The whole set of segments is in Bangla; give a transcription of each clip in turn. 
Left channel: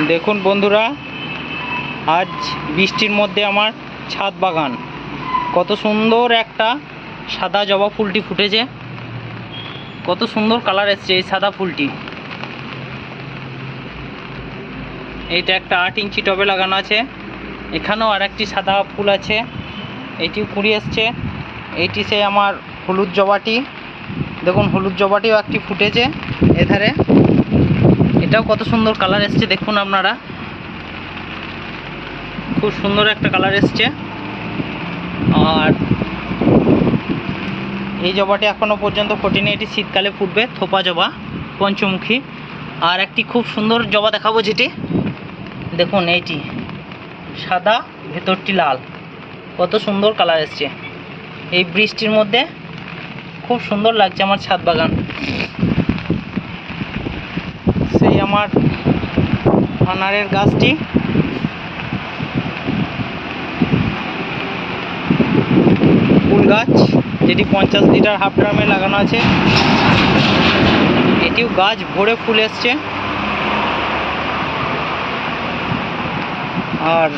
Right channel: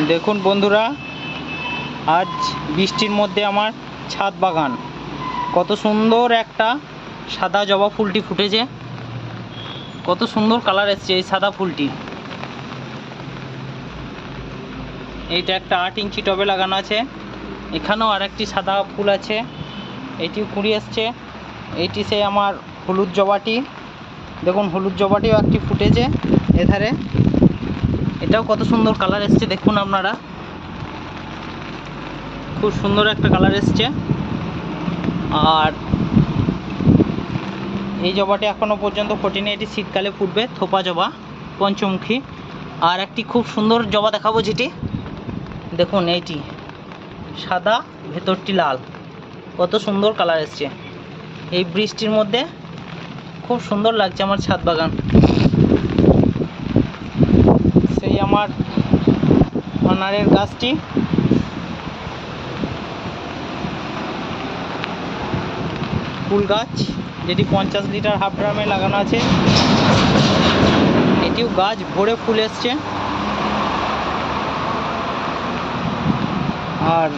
দেখুন বন্ধুরা, আজ বৃষ্টির মধ্যে আমার ছাদ বাগান। কত সুন্দর একটা সাদা জবা ফুলটি ফুটেছে। কত সুন্দর কালার এসছে এই সাদা ফুলটি। এইটা একটা আট ইঞ্চি টবে লাগানো আছে। এখানেও আর একটি সাদা ফুল আছে। এটিও কুড়ি এসছে। এইটি সেই আমার হলুদ জবাটি। দেখুন, হলুদ জবাটিও একটি ফুটেছে এধারে। এটাও কত সুন্দর কালার এসছে দেখুন আপনারা। খুব সুন্দর একটা কালার এসছে। আর এই জবাটি এখনও পর্যন্ত ফোটেনি, এটি শীতকালে ফুটবে, থোপা জবা, পঞ্চমুখী। আর একটি খুব সুন্দর জবা দেখাবো যেটি। দেখুন এইটি, সাদা, ভেতরটি লাল। কত সুন্দর কালার এসছে। এই বৃষ্টির মধ্যে খুব সুন্দর লাগছে আমার ছাদ বাগান। সেই আমার আনারের গাছটি। ফুল গাছ, যেটি পঞ্চাশ লিটার হাফ ড্রামে লাগানো আছে। এটিও গাছ ভরে ফুল এসছে। আর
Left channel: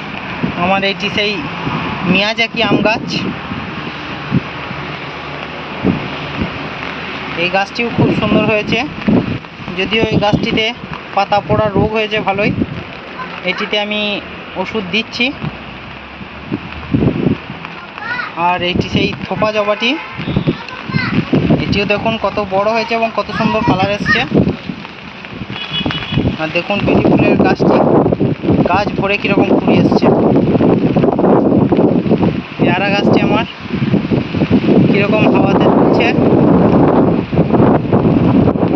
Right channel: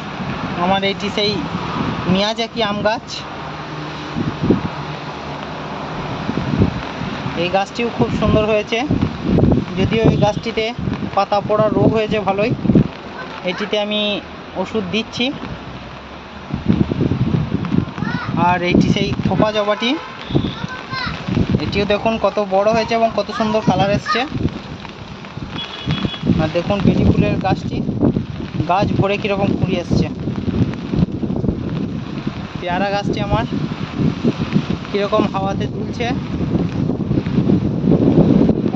আমার এটি সেই মিয়াজাকি আম গাছ। এই গাছটিও খুব সুন্দর হয়েছে। যদিও এই গাছটিতে পাতা পড়ার রোগ হয়েছে ভালোই। এটিতে আমি ওষুধ দিচ্ছি। আর এইটি সেই থোপা জবাটি। এটিও দেখুন কত বড় হয়েছে এবং কত সুন্দর কালার এসছে। আর দেখুন বেলি ফুলের গাছটি। গাছ ভরে কীরকম কুড়ি এসছে। পেয়ারা গাছটি আমার। কীরকম হাওয়াতে দুলছে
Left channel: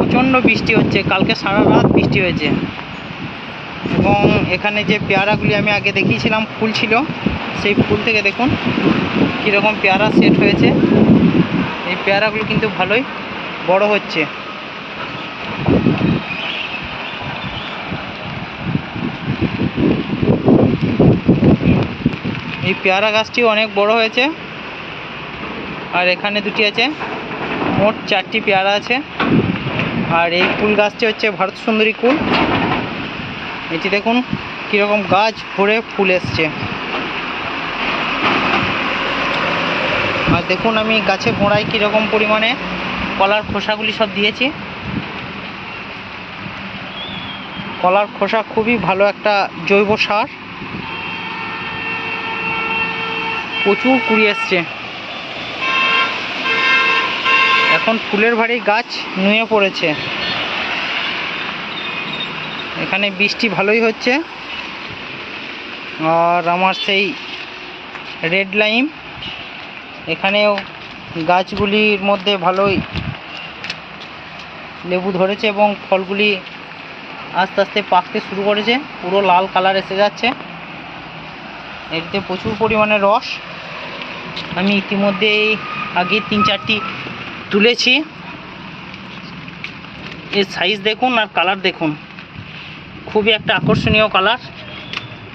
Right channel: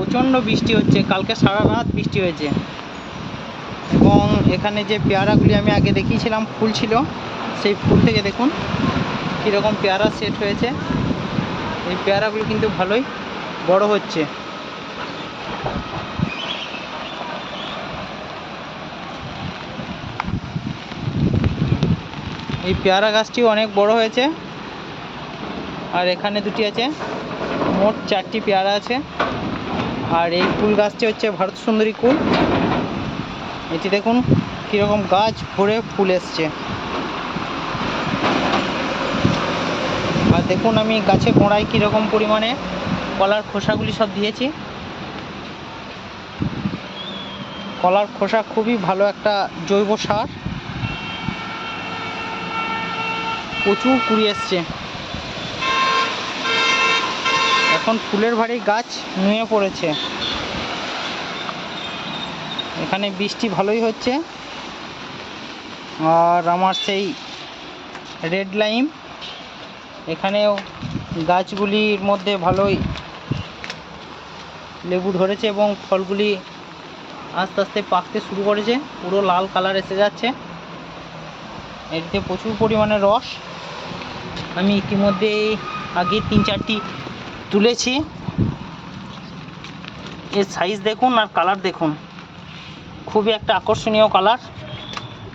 প্রচণ্ড বৃষ্টি হচ্ছে। কালকে সারা রাত বৃষ্টি হয়েছে। এবং এখানে যে পেয়ারাগুলি আমি আগে দেখিয়েছিলাম, ফুল ছিল, সেই ফুল থেকে দেখুন কীরকম পেয়ারা সেট হয়েছে। এই পেয়ারাগুলো কিন্তু ভালোই বড় হচ্ছে। এই পেয়ারা গাছটি অনেক বড় হয়েছে। আর এখানে দুটি আছে। মোট চারটি পেয়ারা আছে। আর এই কুল গাছটি হচ্ছে ভারত সুন্দরী কুল। এটি দেখুন, কীরকম গাছ ভরে ফুল এসছে। আর দেখুন, আমি গাছে গোড়ায় কীরকম পরিমাণে কলার খোসাগুলি সব দিয়েছি। কলার খোসা খুবই ভালো একটা জৈব সার। প্রচুর কুড়ি এসছে। এখন ফুলের ভারী গাছ নুয়ে পড়েছে। এখানে বৃষ্টি ভালোই হচ্ছে। আর আমার সেই রেড লাইম এখানেও গাছগুলির মধ্যে ভালোই লেবু ধরেছে এবং ফলগুলি আস্তে আস্তে পাকতে শুরু করেছে। পুরো লাল কালার এসে যাচ্ছে। এটিতে প্রচুর পরিমাণে রস। আমি ইতিমধ্যেই আগে তিন চারটি তুলেছি। এর সাইজ দেখুন আর কালার দেখুন। খুবই একটা আকর্ষণীয় কালার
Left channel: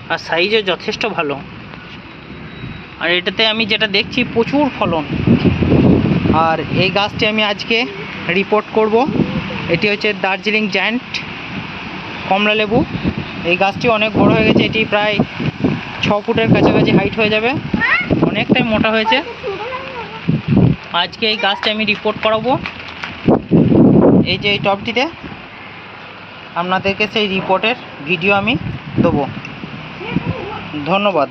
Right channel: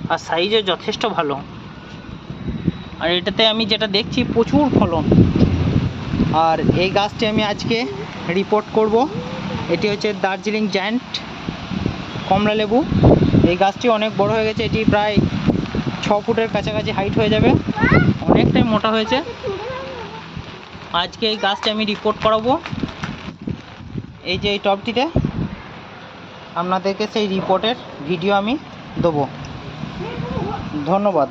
আর সাইজও যথেষ্ট ভালো। আর এটাতে আমি যেটা দেখছি, প্রচুর ফলন। আর এই গাছটি আমি আজকে রিপোর্ট করব। এটি হচ্ছে দার্জিলিং জায়ান্ট কমলা লেবু। এই গাছটি অনেক বড় হয়ে গেছে, এটি প্রায় ছ ফুটের কাছাকাছি হাইট হয়ে যাবে। অনেকটাই মোটা হয়েছে। আজকে এই গাছটা আমি রিপোর্ট করাবো। এই যে এই টপটিতে আপনাদেরকে সেই রিপোর্টের ভিডিও আমি দেবো। ধন্যবাদ।